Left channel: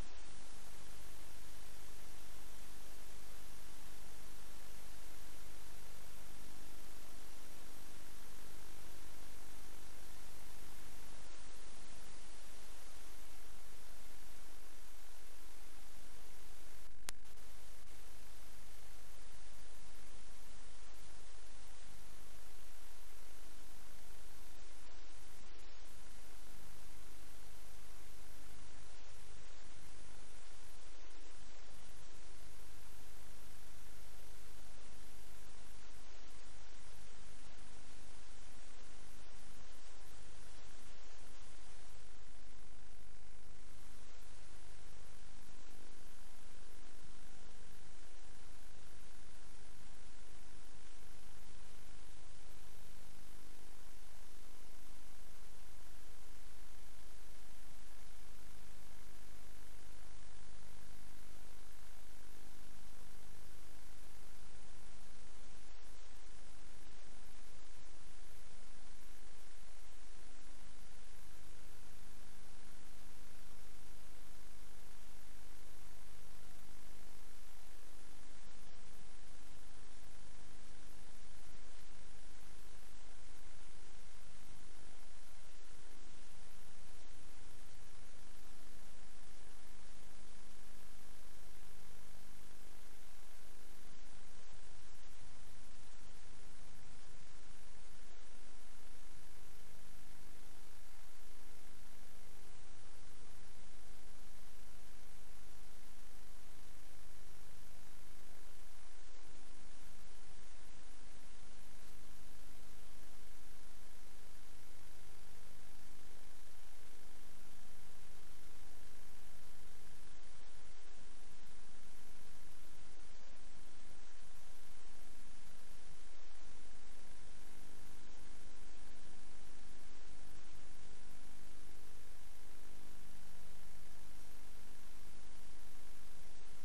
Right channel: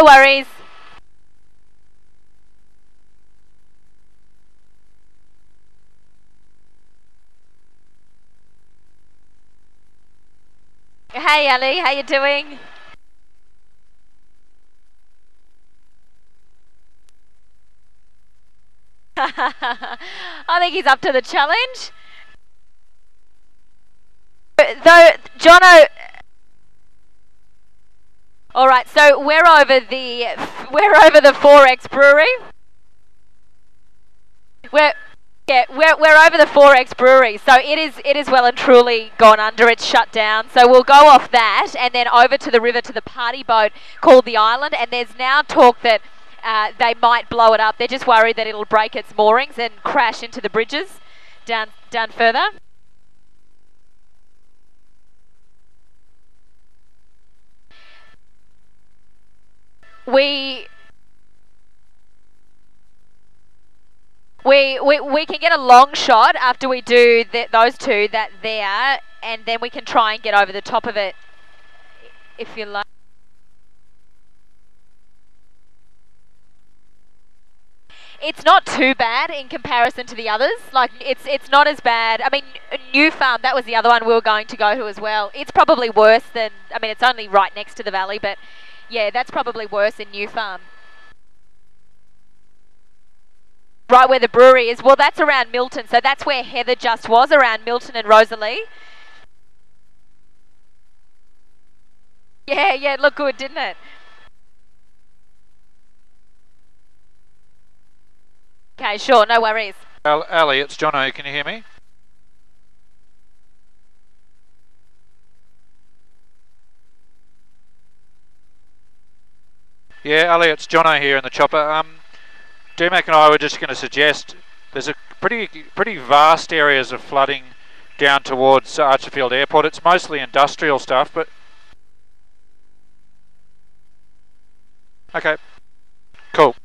No worries. Hey Ali, how you doing? I think he's up to the challenge. Though, Jono. All right, so we're over the 4X Brewery. We're over the 4X Brewery, so it is well and truly gone under. It's shut down. So we'll go off that and then over to the river to the party boat called the Island. And there's now talk that they might blow it up. They're just worried that it'll break its moorings and crash into the bridges down further. We can get a long shot after we do those two there, and then we can try and get over the top of it, if you like. It's not too bad in comparison to the others. Like, it's not as bad. I mean, New Farm, that was the other one we were going to go to as well. It's probably worse than, I mean, it's only right next to the valley, but yeah, that's probably worse in New Farm. Right where the brewery is. Well, that's around Milton, so that's where Heather just was, around Milton and Rosalie. Yeah, it looked good, didn't it? Okay, sure, no worries. Ali, it's Jono. Can you hear me? Yeah, Ali, it's Jono here in the chopper. DMAC and I were just going to suggest there's a pretty vast areas of flooding down towards Archerfield Airport. It's mostly industrial stuff, but okay, cool.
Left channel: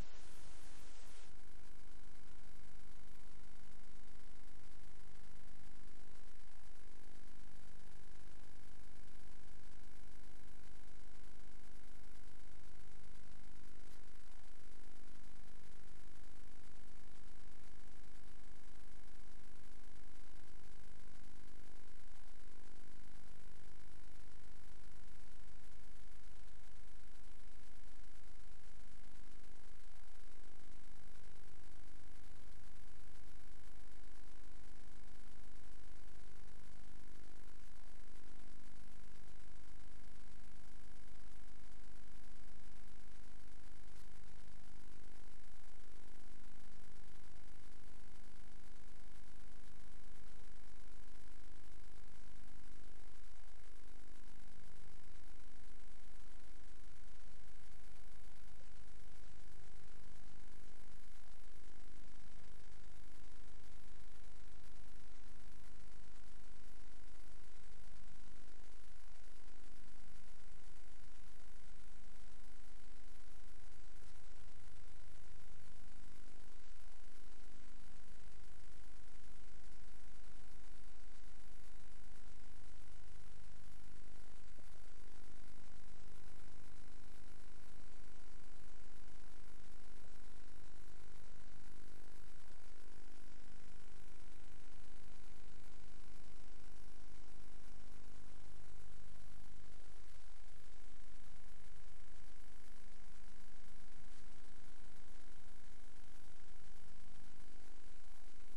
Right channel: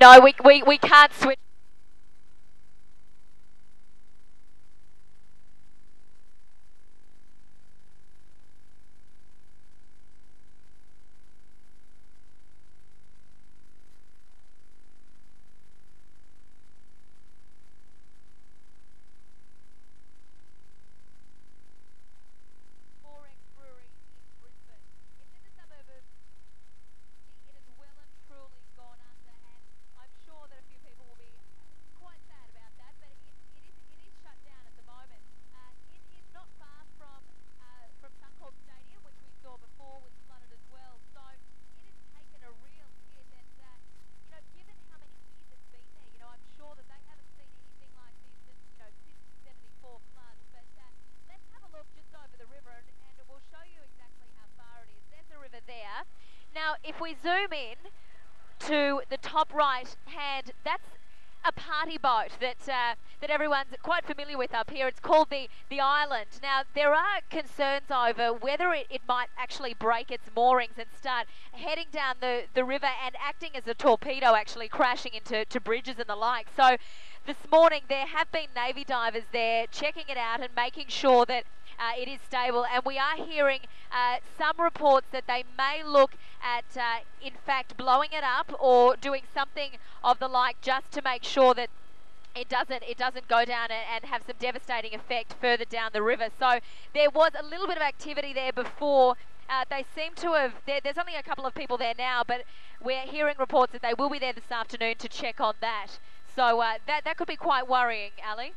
No, we can't switch. If we zoom in to the top right hand, that's a party boat that everyone's quite familiar with up here. It's called the Island. Now, there are concerns over whether it might actually break its moorings and start heading down the river and acting as a torpedo, actually crashing into bridges and the like. So this morning there have been Navy divers there checking it out and making sure that it is stable, and we are hearing some reports that they may look at in fact blowing it up or doing something of the like, just to make sure that it doesn't go down and have some devastating effect further down the river. So there was a little bit of activity there before. They seem to have, there's only a couple of people there now, but we're hearing reports that they will be there this afternoon to check on that. So that could be quite worrying, Ali.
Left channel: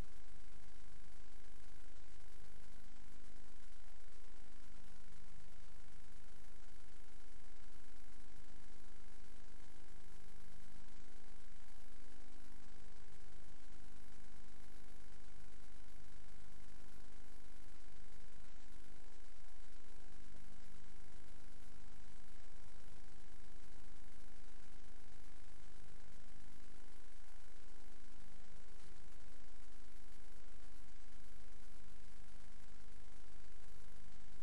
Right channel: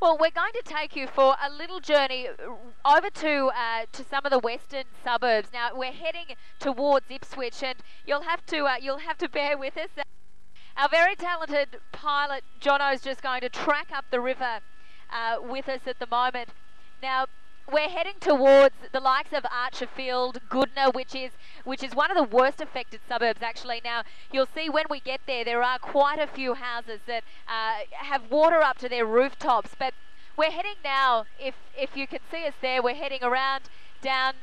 Well, we're going to take you for a little journey over to some of the western suburbs. Now we're heading towards Ipswich, and you'll have to bear with us. Our very talented pilot Jono's just going to track up the river with us at the moment. Now we're heading towards the likes of Archerfield, Goodna, which is one of the worst affected suburbs actually. Now you'll see when we get there, there are quite a few houses that have water up to their rooftops. But we're heading now, if you can see us there, we're heading around down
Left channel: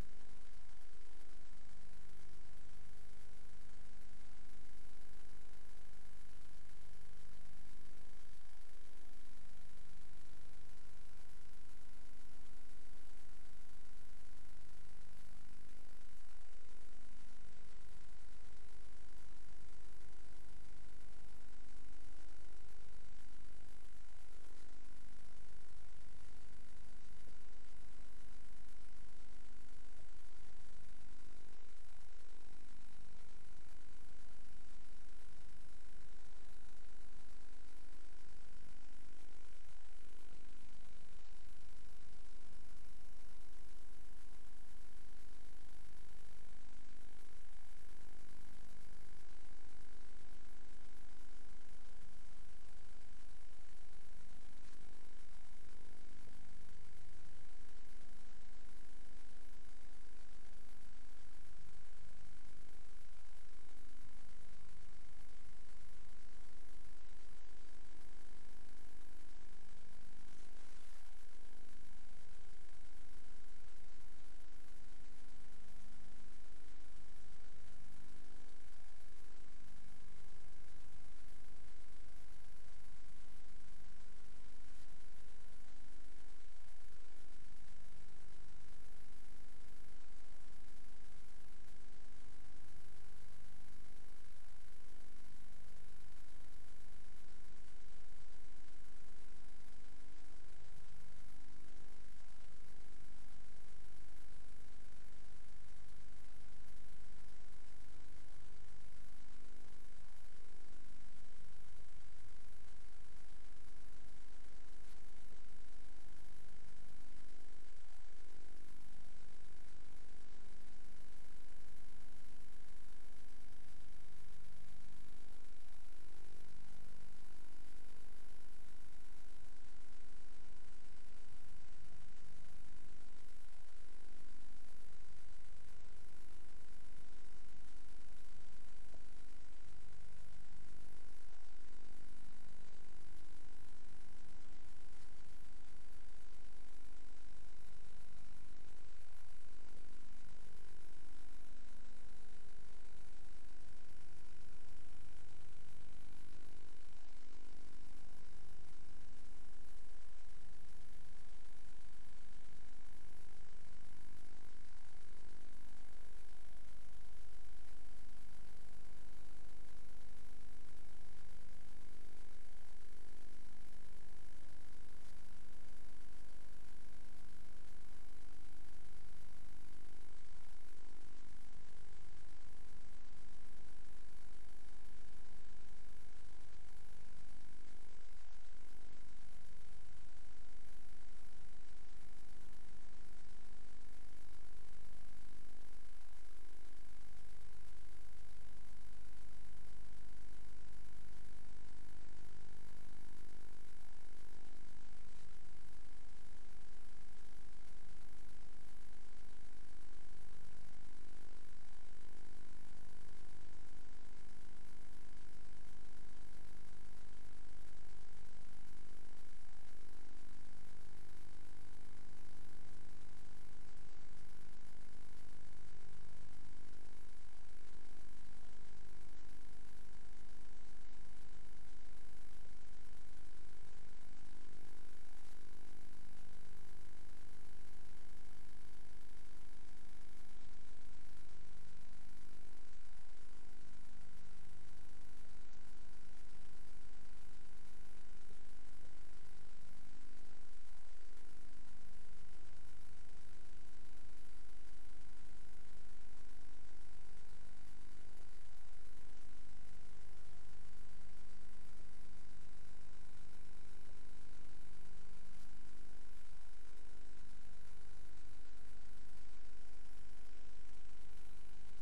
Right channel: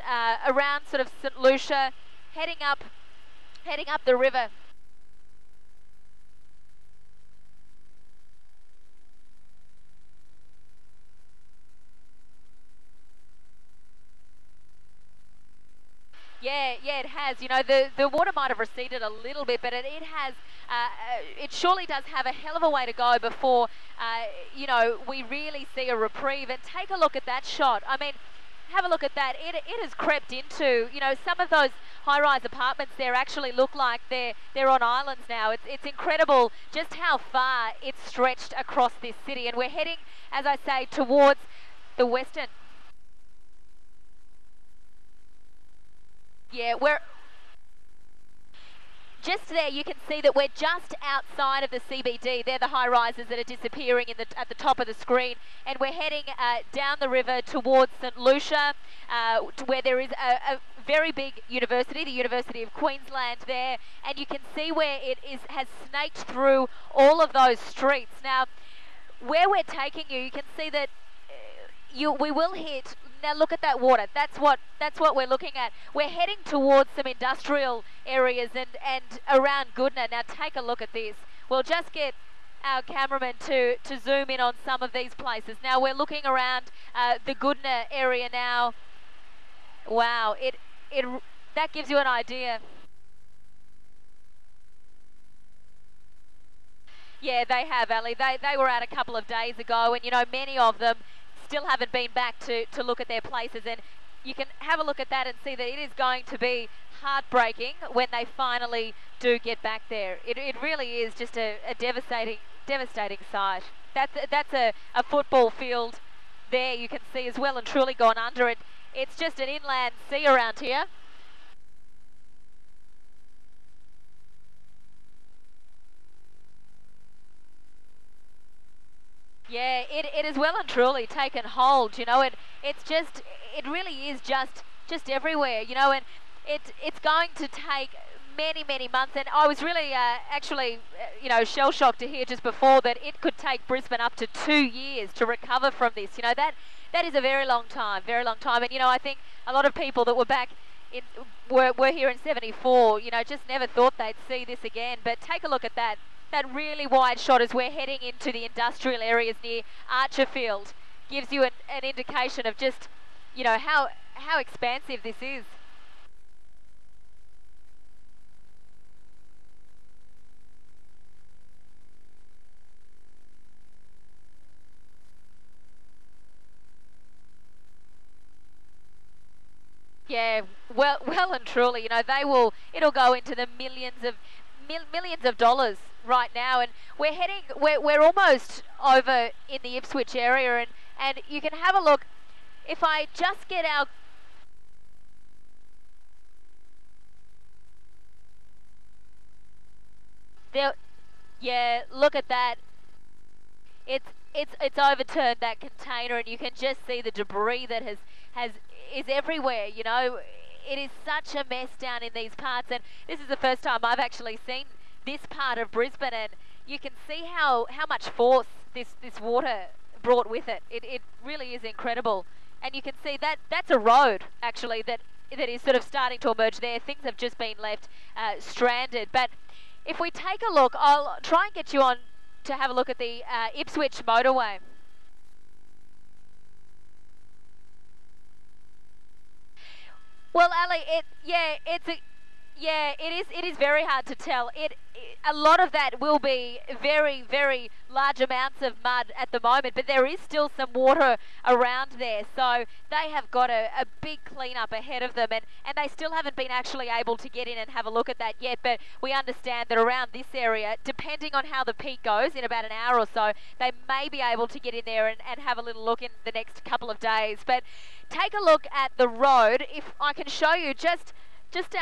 around sort of St Lucia, heading up the river. Yeah, it has. You know, the water might have receded a little bit, but it has. It surely does have a hell of a way to go before, you know, we really see a reprieve. And take a look at that shot. I mean, have a look at that. It has crept into, you know, some of those high-rise apartments there actually look like they're on islands now. It's incredible just how far it's stretched across this city, and we're heading, as I say, towards the western. Yeah, we're just there. You can see that we're just outside of the CBD. They're the high rises that are disappearing at the top of the screen, and we're heading down the river towards St Lucia, where there is a very big university, the University of Queensland there, and you can see where it has snaked through all of those streets. Now, where we're taking you, you can see that we will hit. Now look at that water. That's what we're looking at. We're heading towards some industrial areas and around Goodna. Now take a look at this. We'll just get our cameraman to zoom in on some of these places. Now we're looking around the Goodna area now. Wow, that gives you an idea. Yeah, they have, Ali. They were out a couple of days ago, and you know, many of them still haven't been back to look at their places, and you can have a look at that and see that it is going to be heartbreaking when they finally do get back there. It really is just a devastating sight. That's a football field there, you can see, as well and truly gone under it. It's just an inland sea around here. Yeah, it is well and truly taken hold, you know, it really is just everywhere, you know, and it's going to take many months, and I was really actually, you know, shell-shocked to hear just before that it could take Brisbane up to 2 years to recover from this. You know, that is a very long time, and you know, I think a lot of people that were back were here in '74, you know, just never thought they'd see this again. But take a look at that really wide shot as we're heading into the industrial areas near Archerfield. Gives you an indication of just, you know, how expansive this is. Yeah, well and truly, you know, it'll go into the millions of dollars right now, and we're almost over in the Ipswich area, and you can have a look. If I just get our there, yeah, look at that. It's overturned that container, and you can just see the debris that is everywhere. You know, it is such a mess down in these parts, and this is the first time I've actually seen this part of Brisbane, and you can see how much force this water brought with it. It really is incredible, and you can see that's a road actually that is sort of starting to emerge there. Things have just been left stranded, but if we take a look, I'll try and get you on to have a look at the Ipswich motorway. Well, Ali, Yeah, it is. It is very hard to tell. A lot of that will be very, very large amounts of mud at the moment, but there is still some water around there. So they have got a big cleanup ahead of them, and they still haven't been actually able to get in and have a look at that yet. But we understand that around this area, depending on how the peak goes, in about an hour or so, they may be able to get in there and have a little look in the next couple of days. But take a look at the road. If I can show you just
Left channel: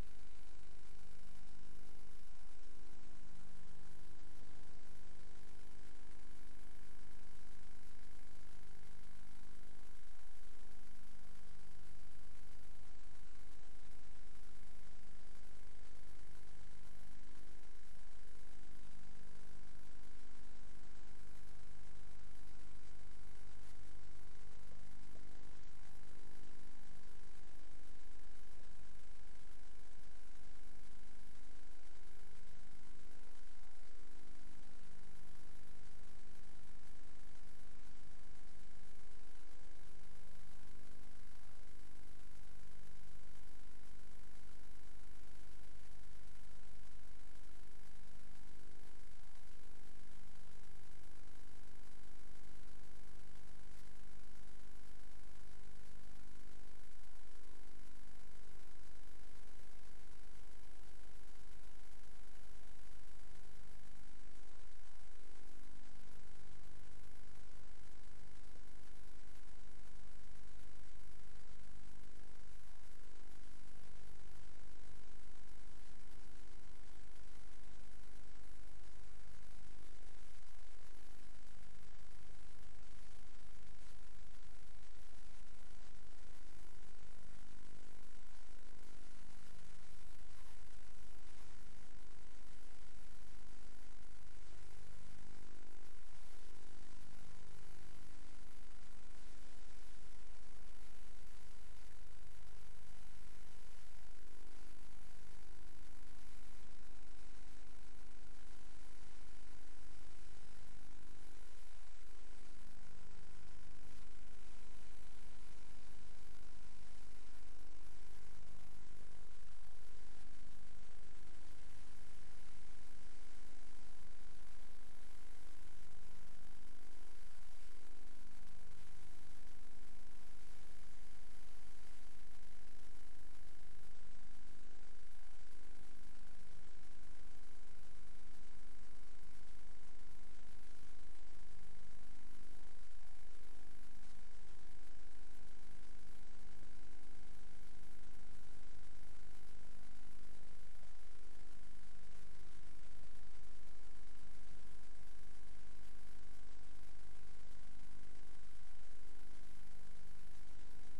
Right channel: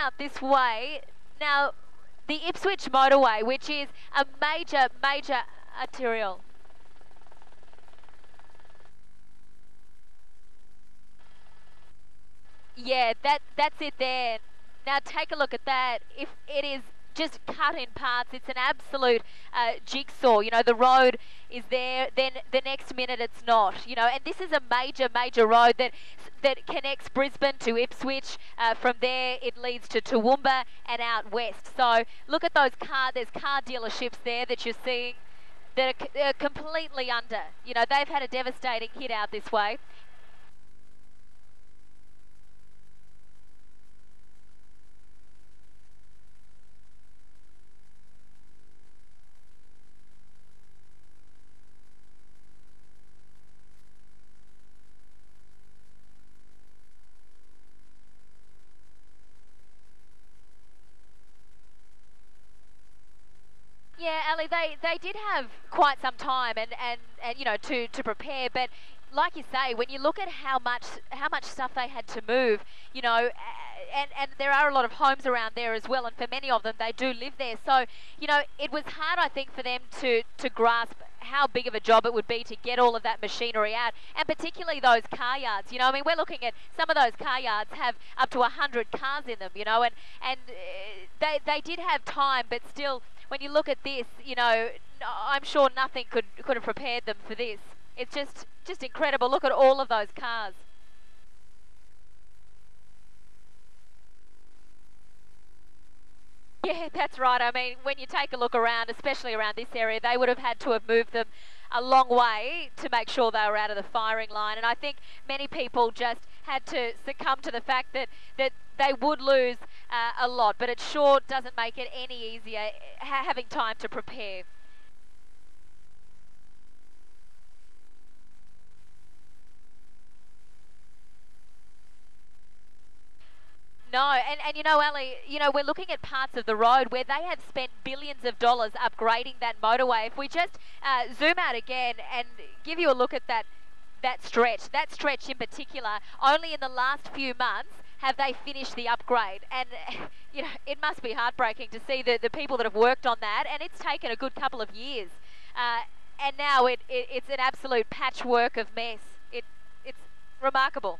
out this way. Now, the Ipswich motorway, which is a major, major arterial. Yeah, that's it there. Now take a look at that. If it is just cut in parts, it's an absolute jigsaw. You know, the road is there, then the next minute it's not. You know, and this is a major, major road that connects Brisbane to Ipswich. From there, it leads to Toowoomba and out west. So look at those there's car dealerships there that you're seeing that are completely under. You know, they've had a devastating hit out this way. Yeah, Ali, they did have quite some time and you know to prepare, but like you say, when you look at how much stuff they had to move, you know, and there are a lot of homes around there as well, and for many of them they do live there. So you know, it was hard, I think, for them to grasp how big of a job it would be to get all of that machinery out, and particularly those car yards. You know, I mean, we're looking at some of those car yards have up to 100 cars in them. You know, and they did have time, but still, when you look at this, you know, I'm sure nothing could have prepared them for this. It's just incredible. Look at all of those cars. Yeah, that's right. I mean, when you take a look around, especially around this area, they would have had to have moved them a long way to make sure they were out of the firing line. And I think many people just had to succumb to the fact that they would lose a lot, but it sure doesn't make it any easier having time to prepare. No, and you know, Ali, you know, we're looking at parts of the road where they have spent billions of dollars upgrading that motorway. If we just zoom out again and give you a look at that stretch in particular, only in the last few months have they finished the upgrade. And, you know, it must be heartbreaking to see the people that have worked on that, and it's taken a good couple of years. And now it's an absolute patchwork of mess. It's remarkable.